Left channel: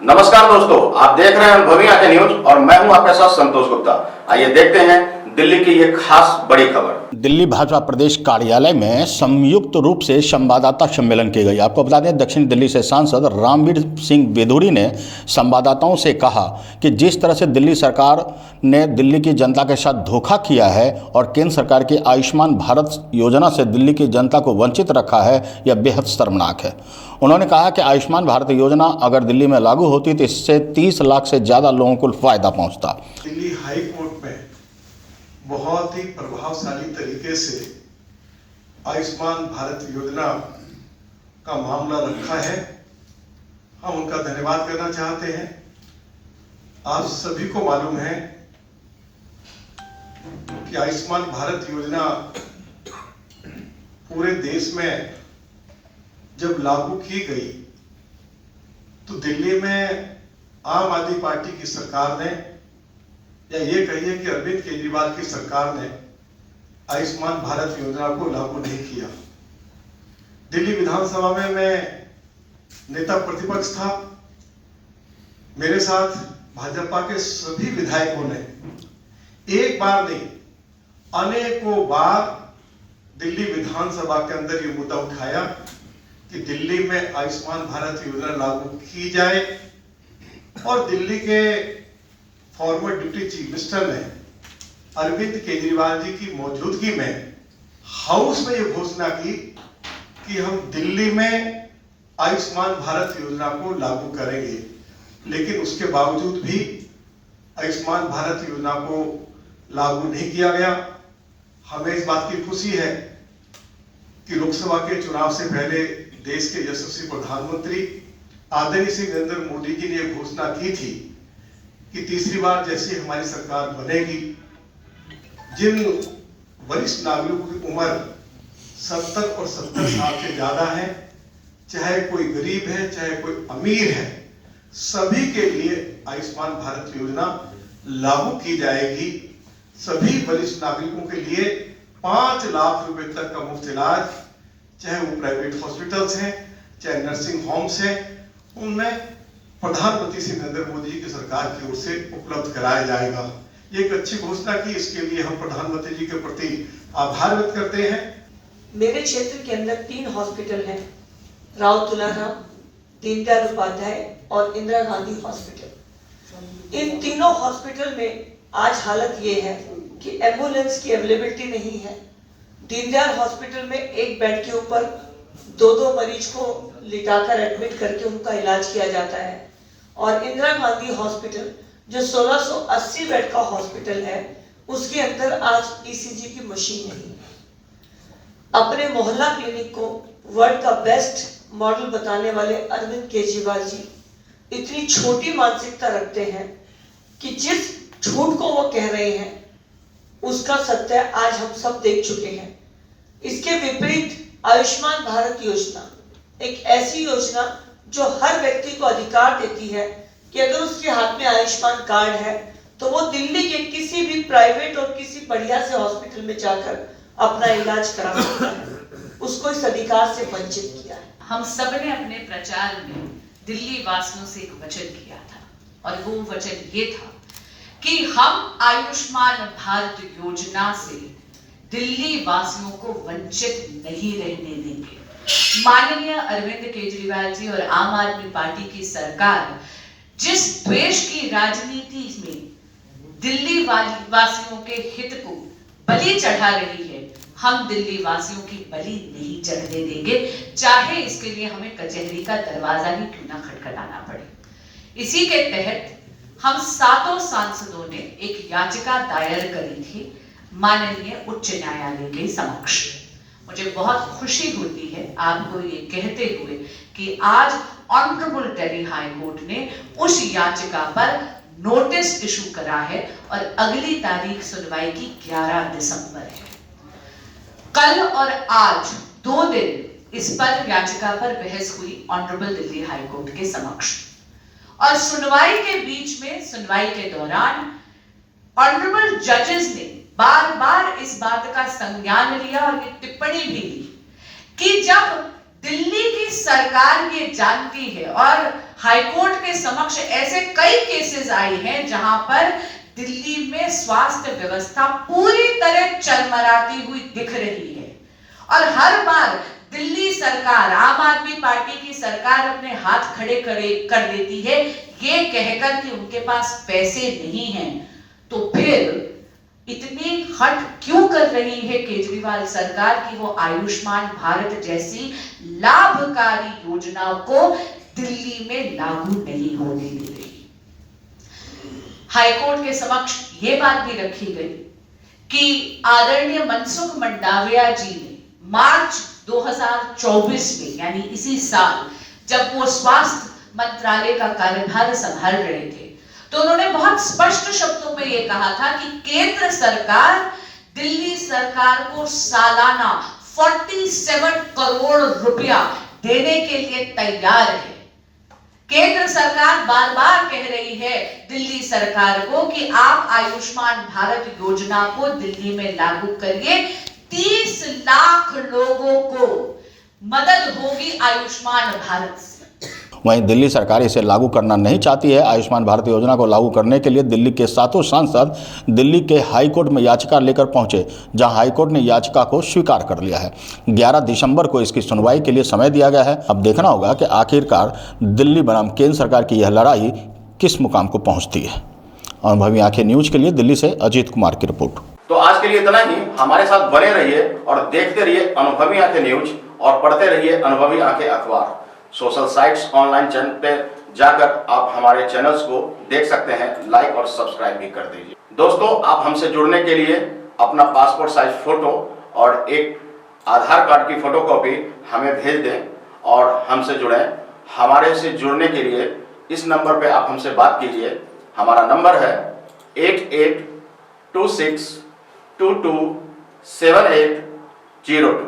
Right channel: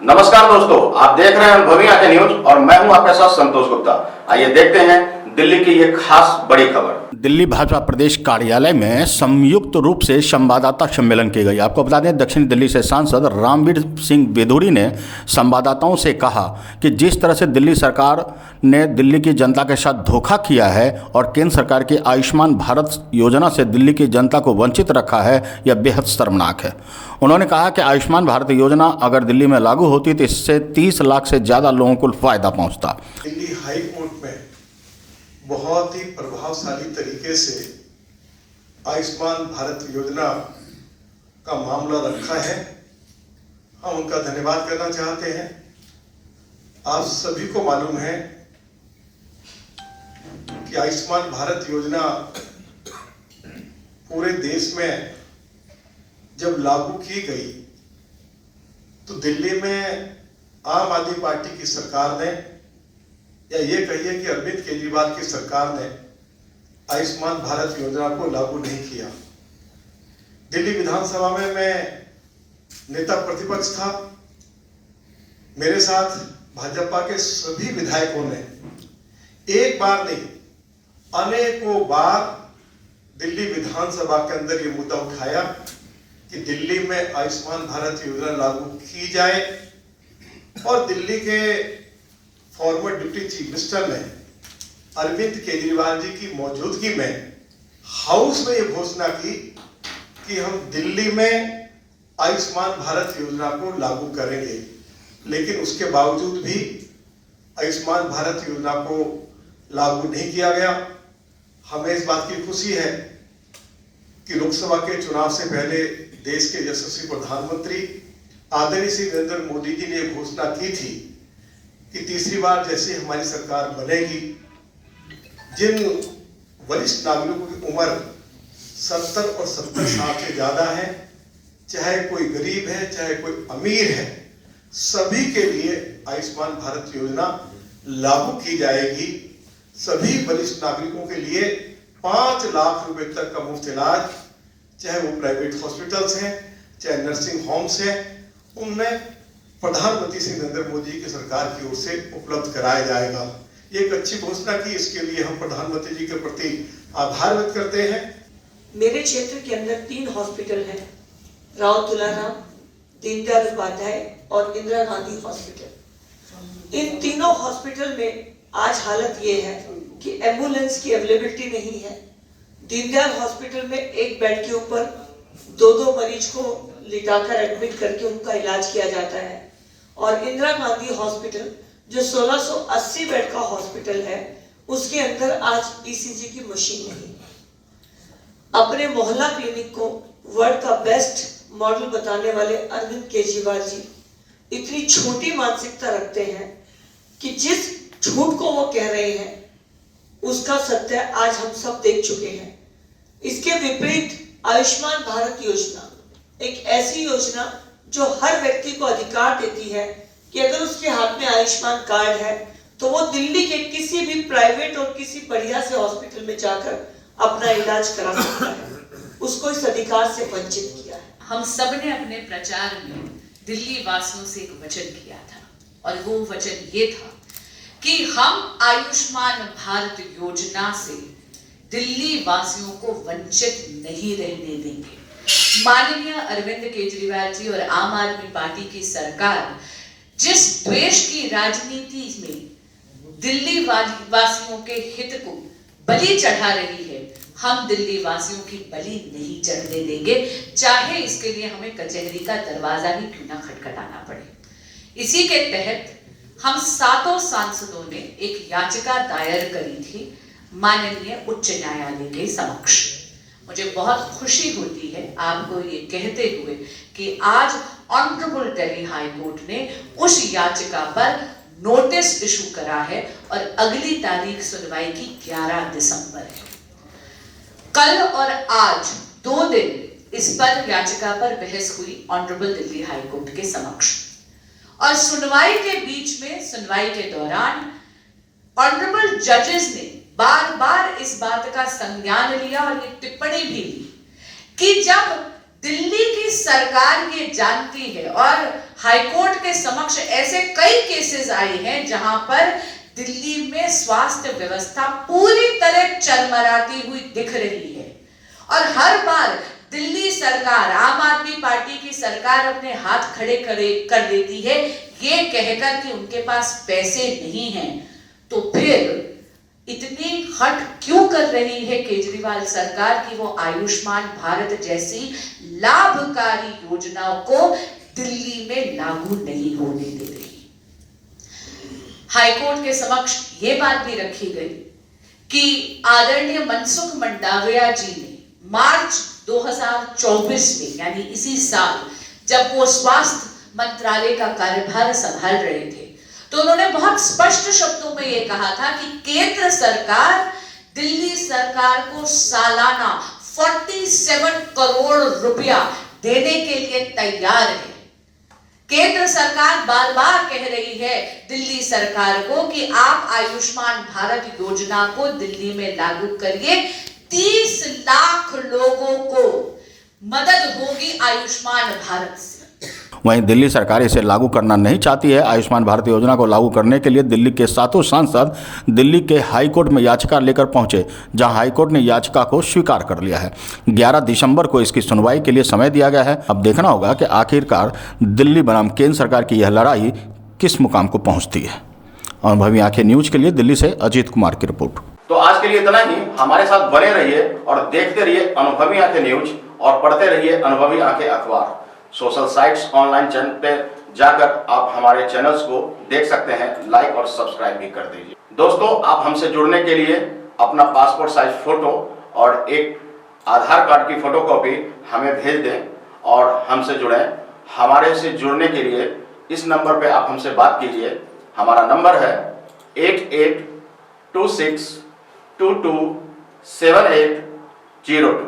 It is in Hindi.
नमस्कार दोस्तों, आप देख रहे हैं अनुभवी आंखें न्यूज और मैं हूं आपके साथ संतोष गुप्ता। आइए देखते हैं दिल्ली की ये खास बड़ी खबर। दिल्ली भाजपा प्रदेश कार्यालय में संयुक्त रूप से संवाददाता सम्मेलन की गई। आपको बता दें, दक्षिण दिल्ली से सांसद रामवीर सिंह वेदुरी ने संवाददाताओं से कहा कि जिस तरह से दिल्ली सरकार ने दिल्ली की जनता के साथ धोखा किया है और केंद्र सरकार की आयुष्मान भारत योजना से दिल्ली की जनता को वंचित रखा है, यह बेहद शर्मनाक है। उन्होंने कहा कि आयुष्मान भारत योजना अगर दिल्ली में लागू होती तो इससे 30 लाख से ज़्यादा लोगों को फायदा पहुंचता। दिल्ली हाई कोर्ट में बहुत ही प्रभावशाली तरीके से आयुष्मान भारत योजना का मामला रखा है। हम उनका धन्यवाद करना चाहते हैं। आप सभी को मालूम है कि आयुष्मान भारत योजना पूरे देश में जब लागू की गई तो दिल्ली में आम आदमी पार्टी की सरकार ने, या ये कहिए कि अरविंद केजरीवाल की सरकार ने आयुष्मान भारत योजना को लागू नहीं किया। दिल्ली विधानसभा में मैं नेता प्रतिपक्ष था। मेरे साथ भाजपा के सभी विधायकों ने एक बार नहीं अनेकों बार दिल्ली विधानसभा के अंदर ये मुद्दा उठाया कि दिल्ली में आयुष्मान भारत योजना लागू की जाए। और दिल्ली के फॉर्मर डिप्टी चीफ मिनिस्टर ने अरविंद केजरीवाल जी की मौजूदगी में हाउस में यह घोषणा की कि हम दिल्ली में आयुष्मान भारत योजना को लागू करेंगे। लेकिन उसके बावजूद भी आयुष्मान भारत योजना को लागू नहीं किया गया। हमें इस बात की खुशी है कि लोकसभा के चुनाव से पहले देश के यशस्वी प्रधानमंत्री आदरणीय श्री नरेंद्र मोदी जी ने घोषणा की थी कि तीसरी बार जैसे हमारी सरकार बनेगी, जिन वरिष्ठ नागरिकों की उम्र 70 और 70 साल से ज्यादा है, चाहे कोई गरीब है चाहे कोई अमीर है, सभी के लिए आयुष्मान भारत योजना लागू की जाएगी। सभी वरिष्ठ नागरिकों के लिए 5 लाख रुपए तक का मुफ्त इलाज, चाहे वो प्राइवेट हॉस्पिटल्स हैं चाहे नर्सिंग होम्स हैं, उनमें प्रधानमंत्री श्री नरेंद्र मोदी जी की सरकार की ओर से उपलब्ध कराया जाएगा। ये एक अच्छी घोषणा की, इसके लिए हम प्रधानमंत्री जी के प्रति आभार व्यक्त करते हैं। मेरे क्षेत्र के अंदर 3 हॉस्पिटल हैं, राव तुलाराम, दीनदयाल उपाध्याय और इंदिरा गांधी हॉस्पिटल। इन तीनों हॉस्पिटल में आज हालत ये है कि एम्बुलेंस की अवेलेबिलिटी नहीं है। दीनदयाल हॉस्पिटल में एक बेड के ऊपर 2-2 मरीज को लिटाकर एडमिट करके उनका इलाज किया जाता है। और इंदिरा गांधी हॉस्पिटल जो 1680 बेड का हॉस्पिटल है, उसके अंदर आज ईसीजी की मशीन नहीं। अपने मोहल्ला क्लिनिक को वर्ल्ड का बेस्ट मॉडल बताने वाले अरविंद केजरीवाल जी इतनी छोटी मानसिकता रखते हैं कि जिस झूठ को वो कह रहे हैं उसका सत्य आज हम सब देख चुके हैं। इसके विपरीत आयुष्मान भारत योजना एक ऐसी योजना जो हर व्यक्ति को अधिकार देती है कि अगर उसके हाथ में आयुष्मान कार्ड है तो वो दिल्ली के किसी भी प्राइवेट और किसी बढ़िया से हॉस्पिटल में जाकर अपना इलाज करा सकता है। उसको इस अधिकार से वंचित किया है। हम सब ने अपने प्रचार में दिल्ली वासियों से एक वचन किया था और वो वचन ये था कि हम आयुष्मान भारत योजना से दिल्ली वासियों को वंचित नहीं रहने देंगे। माननीय अरविंद केजरीवाल जी और आम आदमी पार्टी की सरकार जिस द्वेष की राजनीति में दिल्ली वासियों के हित को बलि चढ़ा रही है, हम दिल्ली वासियों की बलि नहीं चढ़ने देंगे, चाहे इसके लिए हमें कचहरी का दरवाजा ही क्यों ना खटखटाना पड़े। इसी के तहत हम 7 सांसदों ने एक याचिका दायर करी थी माननीय उच्च न्यायालय के समक्ष। मुझे बहुत खुशी होती है आपको ये कहते हुए कि आज ऑनरेबल दिल्ली हाई कोर्ट ने उस याचिका पर नोटिस इशू करा है और अगली तारीख सुनवाई की 11 दिसंबर है। कल और आज 2 दिन इस पर याचिका पर बहस हुई ऑनरेबल दिल्ली हाई कोर्ट के समक्ष। और सुनवाई के बीच में, सुनवाई के दौरान ऑनरेबल जजेस ने बार बार इस बात का संज्ञान लिया और ये टिप्पणी भी ली कि जब दिल्ली की सरकार ये जानती है और हाईकोर्ट के समक्ष ऐसे कई केसेस आए हैं जहां पर दिल्ली में स्वास्थ्य व्यवस्था पूरी तरह चरमराती हुई दिख रही है और हर बार दिल्ली सरकार, आम आदमी पार्टी की सरकार अपने हाथ खड़े कर देती है ये कहकर कि उनके पास पैसे नहीं हैं। तो फिर इतनी हट क्यों कर रही है केजरीवाल सरकार कि वो आयुष्मान भारत जैसी लाभकारी योजनाओं को दिल्ली में लागू नहीं होने दे रही। हाईकोर्ट के समक्ष ये बात भी रखी गई कि आदरणीय मनसुख मंडाविया जी ने मार्च 2024 में यानी इसी साल जब वो स्वास्थ्य मंत्रालय का कार्यभार संभाल रहे थे तो उन्होंने बहुत स्पष्ट शब्दों में ये कहा था कि केंद्र सरकार दिल्ली सरकार को सालाना 47 करोड़ रुपया देने के लिए तैयार है। केंद्र सरकार बार बार कह रही है दिल्ली सरकार को कि आप आयुष्मान भारत योजना को दिल्ली में लागू करिए, 30 लाख लोगों को मदद होगी आयुष्मान भारत से। वहीं दिल्ली सरकार इसे लागू करना नहीं चाहती है। आयुष्मान भारत योजना को लागू करने के लिए दिल्ली के 7 सांसद दिल्ली के हाईकोर्ट में याचिका लेकर पहुंचे, जहां हाईकोर्ट ने याचिका को स्वीकार कर लिया है। 11 दिसंबर को इसकी सुनवाई के लिए समय दिया गया है। अब देखना होगा कि आखिरकार दिल्ली बनाम केंद्र सरकार की यह लड़ाई किस मुकाम को पहुँचती है। अनुभवी आंखें न्यूज के लिए दिल्ली से अजीत कुमार की रिपोर्ट। तो आज के लिए इतना ही। हमारे साथ बने रहिए और देखते रहिए अनुभवी आंखें न्यूज और पढ़ते रहिए अनुभवी आंखें अखबार। सोशल साइट्स, ऑनलाइन चैनल पे जाकर आप हमारे चैनल्स को देख सकते हैं, लाइक और सब्सक्राइब भी कर दीजिए। दोस्तों, आप हमसे जुड़ने के लिए अपना पासपोर्ट साइज फोटो और एक आधार कार्ड की फोटोकॉपी हमें भेज दें और हमसे जुड़ें। हमारे से जुड़ने के लिए इस नंबर पे आप हमसे बात कीजिए। हमारा नंबर है 8826227802।